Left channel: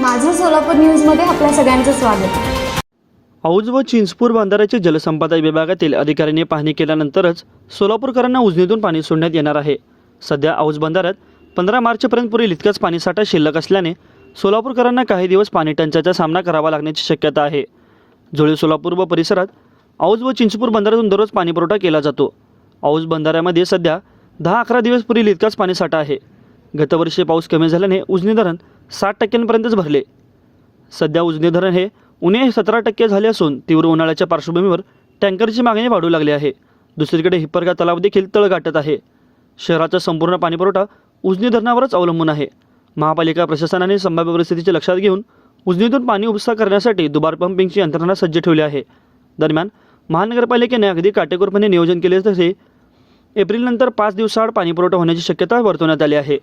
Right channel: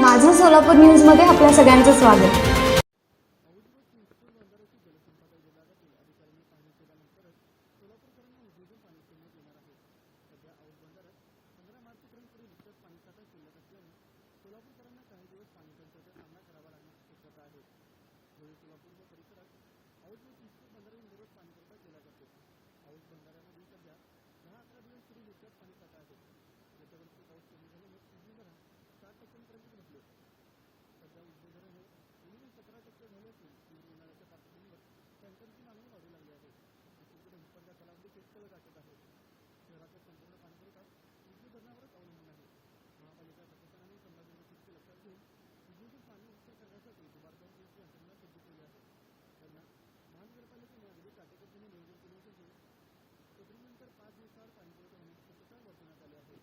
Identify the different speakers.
Speaker 1: माझं सोलापूर न्यूजमध्ये आपल्या सगळ्यांचं स्वागत.
Speaker 2: औज व चिंचपूर बंधाऱ्याचे जलसंपदा विभागातील अधिकाऱ्यांनी पाहणी केल्यानंतरच सोलापूरकरांना उजनीतून पाणी सोडण्यात येणार आहे. सध्या औज बंधाऱ्यात पंधरा मार्चपर्यंत पुरेल इतकाच पाणीसाठा शिल्लक असल्याने सोलापूरकरांना काही दिवस पाणी टंचाईचा सामना करावा लागण्याची शक्यता आहे. जुळे सोलापूर व परिसरात औज व चिंचपूर बंधाऱ्यातून दररोज पाणीपुरवठा केला जातो. औज बंधाऱ्यामध्ये सध्या दहा अकरा दिवस पुरेल इतकाच पाणीसाठा आहे. गतवर्षी पाऊस कमी झाल्याने उजनी धरण साठ टक्क्यांपर्यंतच भरले. सध्या उजनी धरण हे उणे सतरा टक्के झाले असून तीव्र उन्हाळ्याच्या पार्श्वभूमीवर टँकरची मागणी वाढू लागली आहे. दुसरीकडे हिप्परगा तलाव देखील तळ गाठत आहे. शहराचा संपूर्ण पाणीपुरवठा उजनी धरणावरच अवलंबून आहे. महापालिका प्रशासनाने संभाव्य परिस्थितीचे लक्षात घेऊन उजनीतून पाणी उपसा करण्यासाठी दुबार पंपिंगची यंत्रणा सज्ज ठेवली आहे. दरम्यान महानगरपालिकेने अगदी काटेकोरपणे नियोजन केले तसे एप्रिलनंतर पाच दिवसाआड पाणीपुरवठा होण्याची शक्यता वर्तवण्यात आली आहे.